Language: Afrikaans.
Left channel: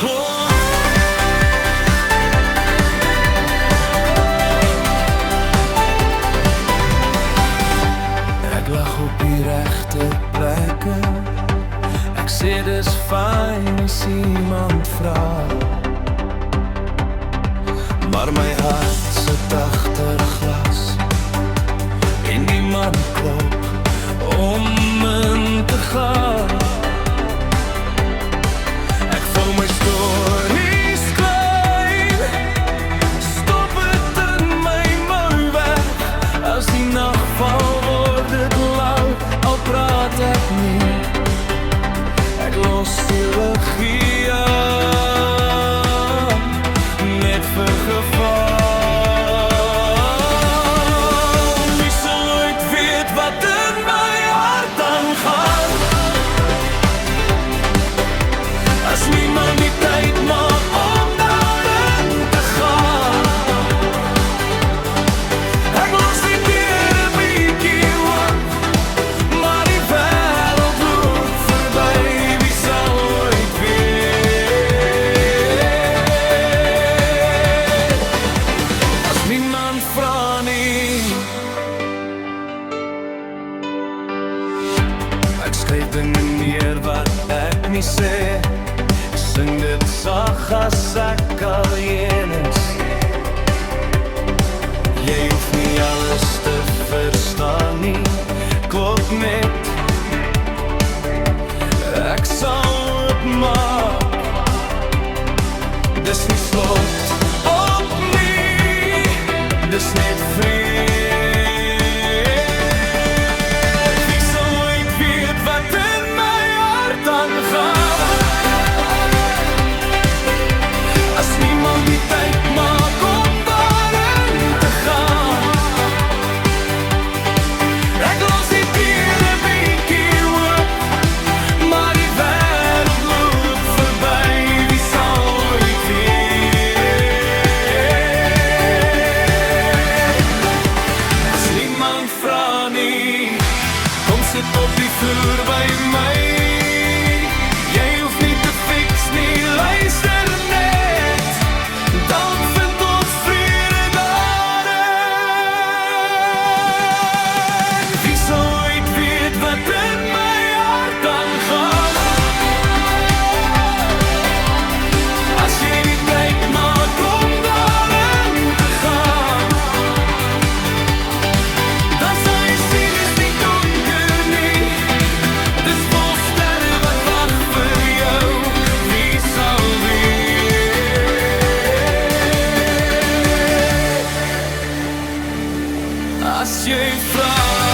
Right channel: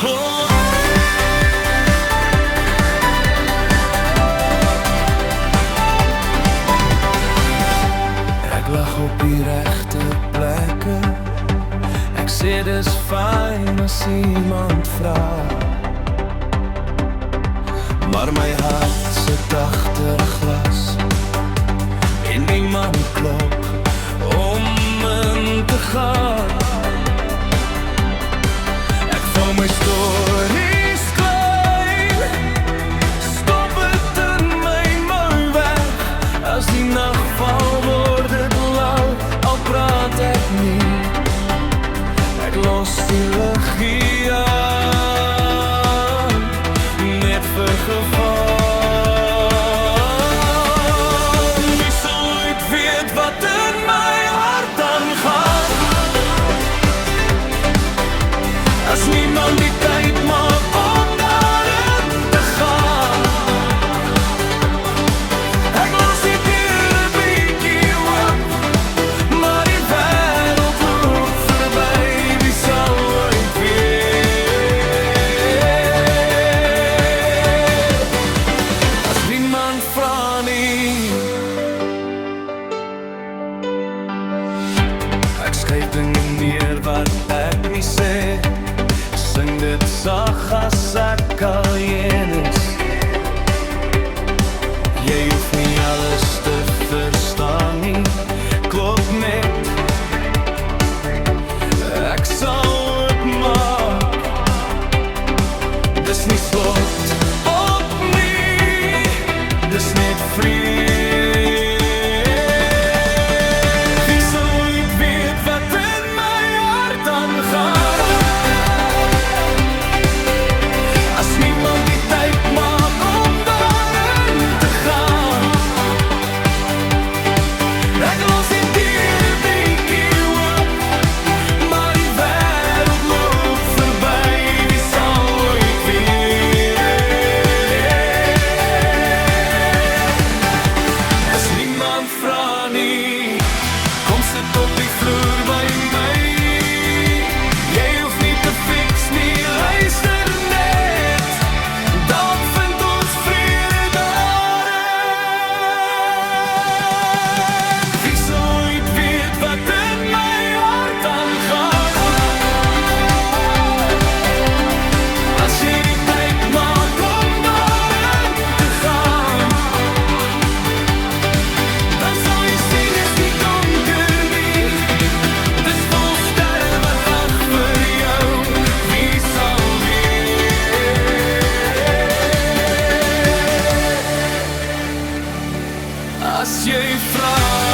Oh. Ek lag op die regte plekke. Ek sê dis fyn as iemand vra, maar my hart sit agter glas en niemand klop om in te gaan. Ek vou my stories klein, stop het in my mou weg. As die nag val word het laut, al praat ek nie. Ek los die liggie aan, net vir geval. Wie sal ooit weet wat in my hart aangaan, as niemand die tyd maak om daarin te gaan. Ek los die deure bietjie oop, maar die wêreld loop verby. Wie sal ooit weet, as niemand vra nie. Ek skryf dinge neer wat ek nie sê, sing dit sag as ek alleen is. Jy hoef nie alles te verstaan nie, klop net. Ek sal oopmaak, dis nie slot op nie, dis net vrede. Wie sal ooit weet wat in my hart aangaan, as niemand die tyd maak om daarin te gaan. Ek los die deure bietjie oop, maar die wêreld loop verby. Wie sal ooit weet, as niemand vra nie. Kom sit op die vloer by my, jy hoef nie te fix nie, luister net. Dalk vind ons vrede daarin. Wie sal ooit weet wat in my hart aangaan, as jy die tyd maak om daarin te gaan. Dan sal jy sien is nie donker nie, dis vol sterre wat wag vir jou. Wie sal weet, as jy vra.